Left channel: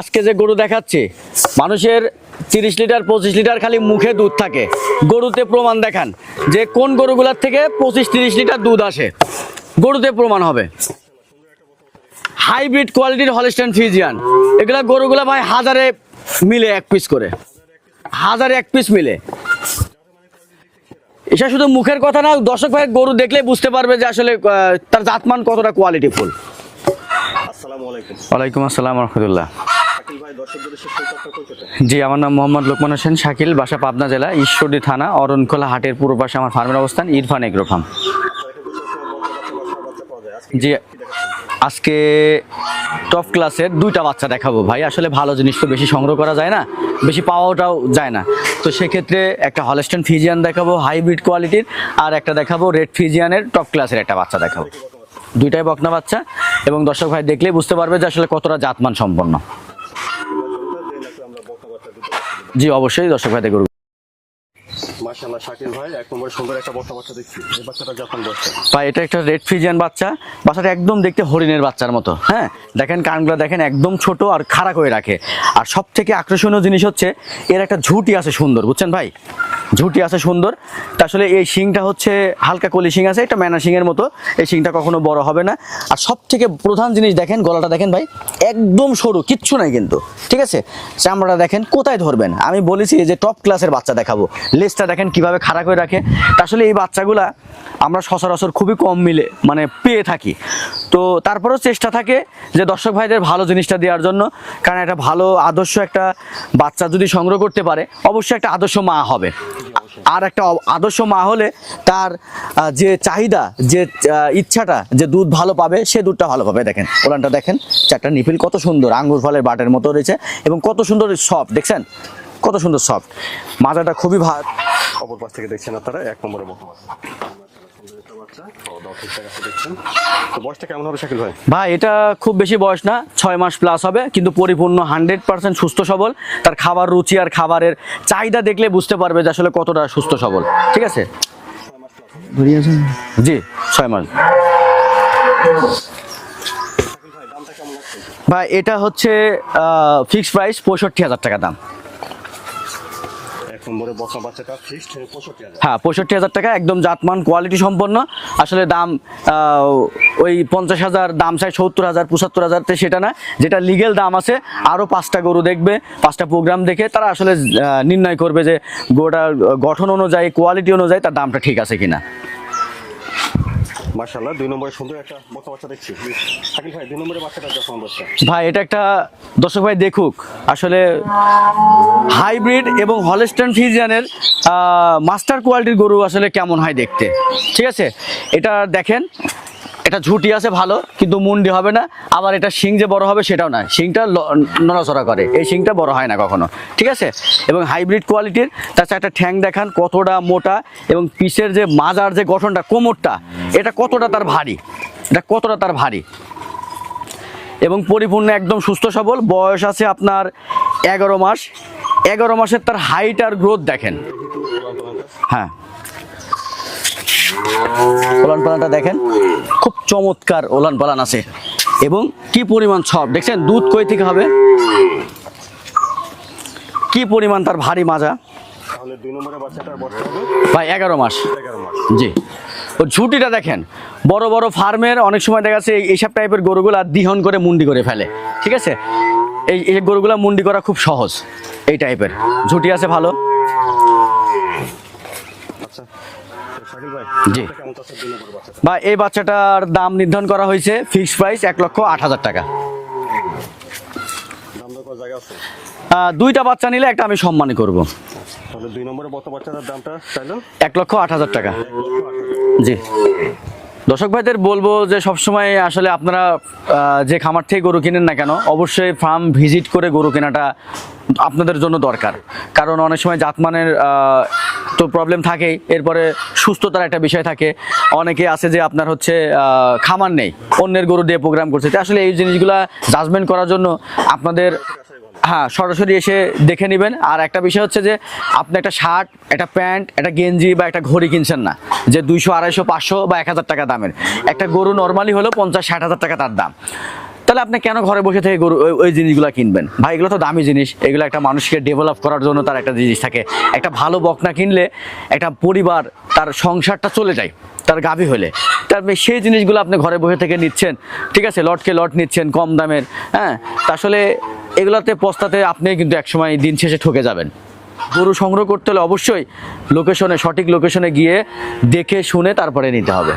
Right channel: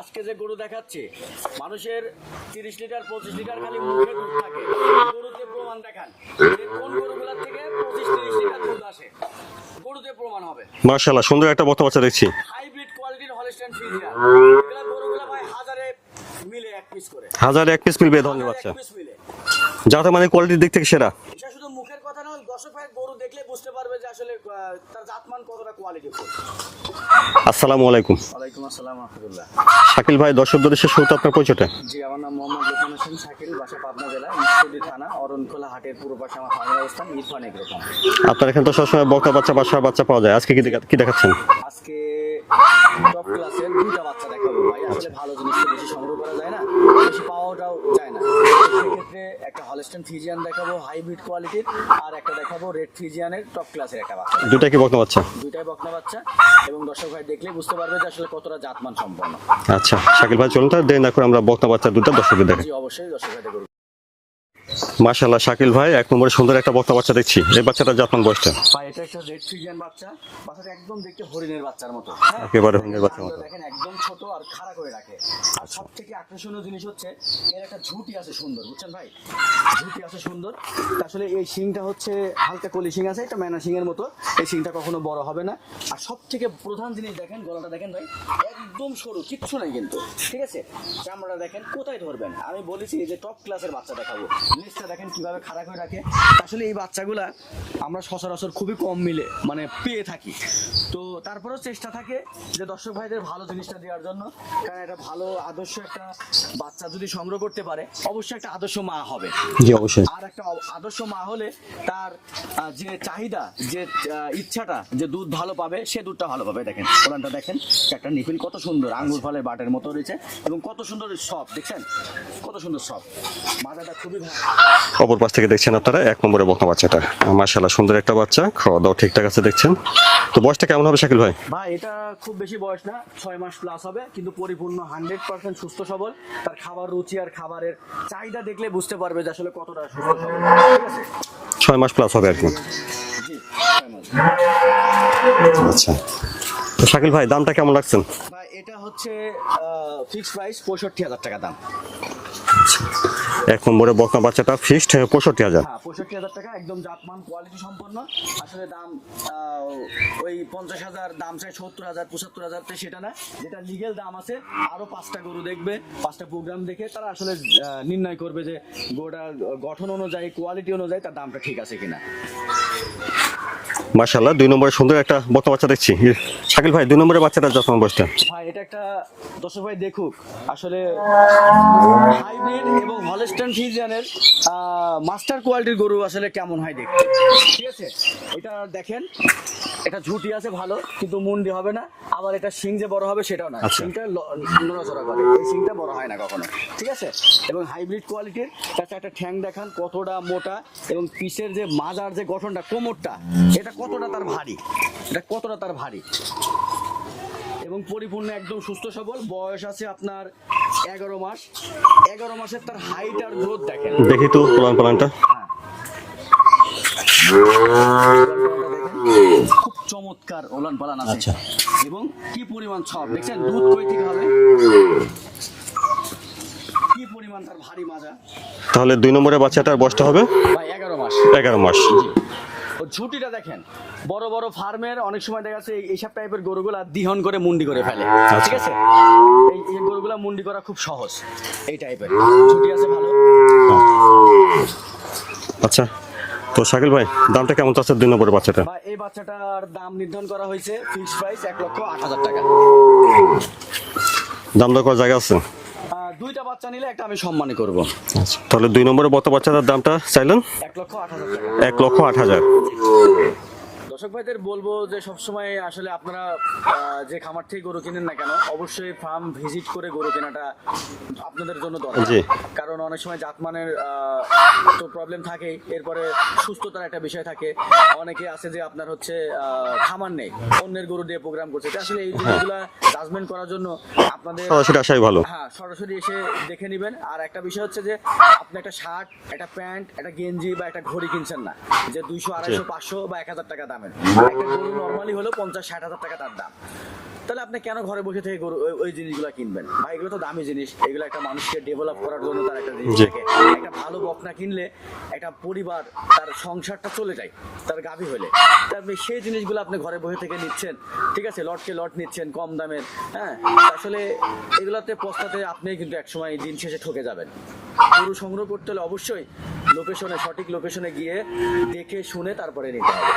আজকে যে গরু দেখাচ্ছি মানুষের তিরিশ লিটার পঁচিশ লিটার খালি মুখে দুধ থাকে। গরুতে প্রমাণ দেখান যে কোন গরুগুলার থেকে পঁচিশ তিরিশ লিটার দুধ আসে। গরুতে প্রমাণ হবে। মার্শাল্লাহ সুন্দর একটা বক্তা বাচ্চা দেখছি। হাইব্রিড কোয়ালিটির হলিস্টান ফিজিয়ান। এগুলা গরুগুলা ভাই হাজারে মিলে এক পিস করে। হাজার এক পিস মিলবে হাজারে এক পিস মিলে। যাতে মানে কোয়ালিটির দিক থেকে সেরা। এটা শুধু মুখের কথা না দর্শক ভাই গরু দেখলে বুঝতে পারবে যে আসলে আহ, তার জাতমান কতটা কোয়ালিটি ফুল আসসালামু আলাইকুম। ওয়ালাইকুম আসসালাম রহমতুল্লাহ। শাকিল ভাই দর্শক দর্শক শুরুতে আপনার পরিচয়টা? জি আমার নাম মোহাম্মদ লোকমান হোসেন শাকিল বাসা পাবনা জেলা ঈশ্বরদী থানা অরণখোলা হাটের পূর্ব পাশে আমার ফার্মের অবস্থান ইরফান এগ্রো ফার্ম। আপনার এখানে তো সবসময় বক্তা বাচ্চা বাসার বাচ্চা পাওয়া যায়। আজকে কি। দেখাচ্ছেন? আজকে টপ ক্লাসের দুইটা বাচ্চা দেখাবো ভাই। আসলে ভালো জিনিস তো বেশি সংগ্রহ করা যায় না বেশি পাওয়াটাও যায় না। তো সেক্ষেত্রে একটা হলস্টেন ফিজিয়ান দেখাবো হাইব্রিড কোয়ালিটির আর একটা দেখাবো রেড ফিজিয়ানের টপ ক্লাসের একটা বাচ্চা দেখাবো। দুটা কি বক্তা বাচ্চা? দুইটাই বকনা বাচ্চা এবং দর্শক ভাই দেখলেই বুঝতে পারবে যে আসলে কতটা জাতমান সম্পন্ন। আচ্ছা। শাকিল ভাই, চলুন তাহলে, দেরি না আমরা বক্তা বাচ্চা দুটা দর্শকদের জি, অবশ্যই দর্শক ভাই দেখবে মার্শাল্লাহ শাকিল ভাই এক নম্বরে সুন্দর একটা বক্তা বাচ্চা দেখছি। এই বাচ্চাটা যত্ন বসছে ভাই এটা একটা রেড ফিজিয়ান বাচ্চা। বাচ্চাটা একদম দেখতে হরিণের বাচ্চার মতো হ্যাঁ? দেখেন কানগুলো দেখেন একদম ছোট আর খাড়া করে রাখে। আর সব থেকে আকর্ষণীয় জিনিস হচ্ছে এর একটা ঝুঁটি আছে সুন্দর বুঝছেন ভাই? ঝুঁটি আছে সুন্দর। আসলে এই শিংটা হচ্ছে হালকা কলি শিং আছে এটা ম্যানা শিংয়ের মতো। এই শিংটা কখনো বড় হবে না। আর সব থেকে প্রধান জিনিস দেখেন গলাটা দেখেন ভাই একদম সরু কিচ্ছু নাই কিন্তু ঠিক আছে? চামড়াটা দেখেন কোথায় ধরবেন? আমি বলেছি যে টপ ক্লাসের বাচ্চা দেখাবো লেজটা দেখেন কীভাবে খাড়া করে রাখে। আসলে এই বাচ্চাগুলা আমরা সচরাচর খুবই কম মিলে মানে পেয়ে থাকি। তো তারপরেও চেষ্টা থাকে যে দর্শক ভাইদের ভালো জিনিসটা দেওয়ার জন্য কারণ একটা ভালো আদর্শ একটা বাচ্চা যদি সংগ্রহ করতে পারে অবশ্যই একটা আদর্শ মা হবে। জি অবশ্যই। আর একটা আদর্শ মা হলে তার যে চাহিদা যে ইচ্ছাটা যে দুধ ভালো পাবে সে দুধটা ভালো পাবে। দেখেন ওলানটা দেখেন চারটা নিপিল কত সুন্দর আঙ্গুর ফলের বাটের মতো রয়েছে এবং কত সুন্দর সফট দেখছেন? কত সুন্দর সফট মাজাটা খুবই ভালো অপর পাশ থেকে দেখছেন আপনারা এক নম্বরে বক্তা বাচ্চাটা। মার্শাল্লাহ সুন্দর একটা বাচ্চা। খাওয়া দাওয়া ঠিকঠাক আছে দেখছেন। তো বয়সটা কেমন হবে শাকিল ভাই? ভাই এটা খুব বেশি বয়স না ছয় মাস প্লাস হবে কিন্তু পরিপূর্ণ হান্ড্রেড পার্সেন্ট সুস্থ সবল। তার খাবার রুচি আর খাবারের চাহিদা দেখলে বুঝতে পারবে যে আসলে কতটা সুস্থ সবল। ঠিক আছে? ছয় মাস প্লাস হবে জি ছয় মাস। আচ্ছা। শাকিল ভাই দামটা কেমন রাখছেন? ভাই এটা হচ্ছে ফিক্সড প্রাইস পঁয়ষট্টি হাজার টাকা দাম। এক নম্বরে বকনা বাচ্চাটা ফিক্সড পঁয়ষট্টি হাজার। হ্যাঁ পঁয়ষট্টি হাজার টাকা একদম জাতমান কোয়ালিটি সম্পন্ন। আসলে দাম ওই পঞ্চাশ হাজার দাম চাই সত্তর হাজার পঁচাত্তর হাজার সেটা না। যেটা লিগেল দাম আছে আরও পাঁচটা গরু দেখবে পাঁচটা প্রোগ্রাম দেখে তারা আসলে নির্ণয় করবে যে গরুটার গঠন অনুযায়ী কোয়ালিটি অনুযায়ী তার দামটা ঠিক আছে কিনা। মার্শাল্লাহ দুই নম্বরে সুন্দর একটা বকনা বাচ্চা দেখছি। শাকিল ভাই দুই নম্বরে বাচ্চাটা যত্ন বয়সটা? ভাই এটা একটা দর্শক ভাই দেখুক আসলে হাইব্রিড এবং হলস্টান ফিজিয়ানের মাস্টার কোয়ালিটির গরু আসলে কেমন হয় দেখতে? ঠিক আছে? এটা দেখেন এটা ঝুটি আছে ভালো কিন্তু মুন্ডি হবে না। আবার এটা শিং যে বড় হবে সেটাও না। শিংটা ল- নড়াচড়া করে। এই শিংটা বড় হয় না কখনো। ঠিক আছে? এবং হাইব্রিড কোয়ালিটির তাছাড়া একটা ঠ্যাং দেখান কতটা মোটা এবং পিসের যে মাজার যে গঠনটা কোমরটা এটা কতটা তার ভারী? এটা কতটা তার ভারী? এবং পরিপূর্ণ একদম সুস্থ সবল। বয়স আছে আপনার এগারো মাস। এগারো মাসের তার হাইট আর গ্রোথ দেখেন। দেখি তো প্লান প্লানটা। হ্যাঁ। ওলান পালানটা দেখেন খুব চমৎকার ওলান পালান আছে। এবং কি পরিমাণ সব দেখছেন দুধ কই থেকে হবে? কি পরিমাণ তার ভারী মাজা? তাহলে দুই নম্বরে বাচ্চাটার বয়সটা হবে? ভাই এগারো মাস। এগারো মাস। জি। ঝুটিটা দেখেন বড় বড় ফার্মের অনেক সময় দেখা যাচ্ছে এইসব টাইপের গরুগুলা দিহন করে মুন্ডি করে ফেলে ঠিক আছে? এই এই গরুগুলা মুন্ডি করা খুব সহজ এই টাইপের। ঝুটি আছে ভালো? আচ্ছা তো শাকিল ভাই দামটা কেমন চাচ্ছে দুই নম্বরে বাচ্চাটা? বা এই বাচ্চাটার দাম নির্ধারণ করা হয়েছে ফিক্সড প্রাইস এক লক্ষ আট হাজার টাকা। দাম দর করার জায়গা আছে? দুইটা বাচ্চা নিলে একটা আমি সম্মান করব। আচ্ছা তাহলে দুই নম্বরে বত বাচ্চাটার দামটা চাইলেন? এক লক্ষ আট হাজার টাকা। এক লক্ষ আট হাজার। জি। দর্শক ভাইদের বলব যে সবসময় আসলে আপনারা যে খামার থেকে গরু কিনেন না কেন অবশ্যই ফার্ম ভিজিট করে গরু কেনাটা আপনাদের জন্য দরকার। কারণ অনেক সময় জাতমানের তো প্রবলেম থাকেই এরপরে সুস্থতার একটা বিষয় থাকে। অনেকে আছে যে আপনার হচ্ছে খামার নেই অন্যের গরু দিয়ে প্রোগ্রাম করছে। তো আসলে এই জিনিসগুলা জাজমেন্ট করার জন্য আপনাদের সরাসরি আসাই ভালো। হ্যাঁ সরাসরি এসে দেখে নেবেন। আর একটা বিষয় হচ্ছে যে আপনি একটা শার্ট একটা প্যান্ট একটা গেঞ্জি বা একটা ঘড়ি কিনছেন না যে দুইশো আড়াইশো পাঁচশো বা এক হাজার টাকা দামের। একটা গরু নর্মালি হলো পঞ্চাশ, ষাট হাজার টাকা তার দাম। তাহলে আপনি কেন ঘরে বসে থেকে গরু, ওই- জিনিসগুলো কিনবেন? ভাই, এগুলো তো দামি জিনিস। এগুলো একটা মানুষকে ডেভেলপ করার জন্য তার একটা জিনিস থাকে। একটা ভালো বকনা কিনলে একটা পরিবার তার সংসারটা চলে যায়, তার গাভী হলে। তার সেই জিনিসগুলো আপনি ঘরে বসে থেকে নিচ্ছেন। ঠিক আছে, লটকে লট নিচ্ছেন কম দামের হ্যাঁ? আসলে এগুলাতে পস্তাতে আপনি কিন্তু একসময় দিন শেষে ঠকে যাবেন। গরু সংগ্রহ করতে হলে অবশ্যই লোকেশনে, সঠিক লোকেশনে গিয়ে দেখে শুনে তারপরে নিতে হবে।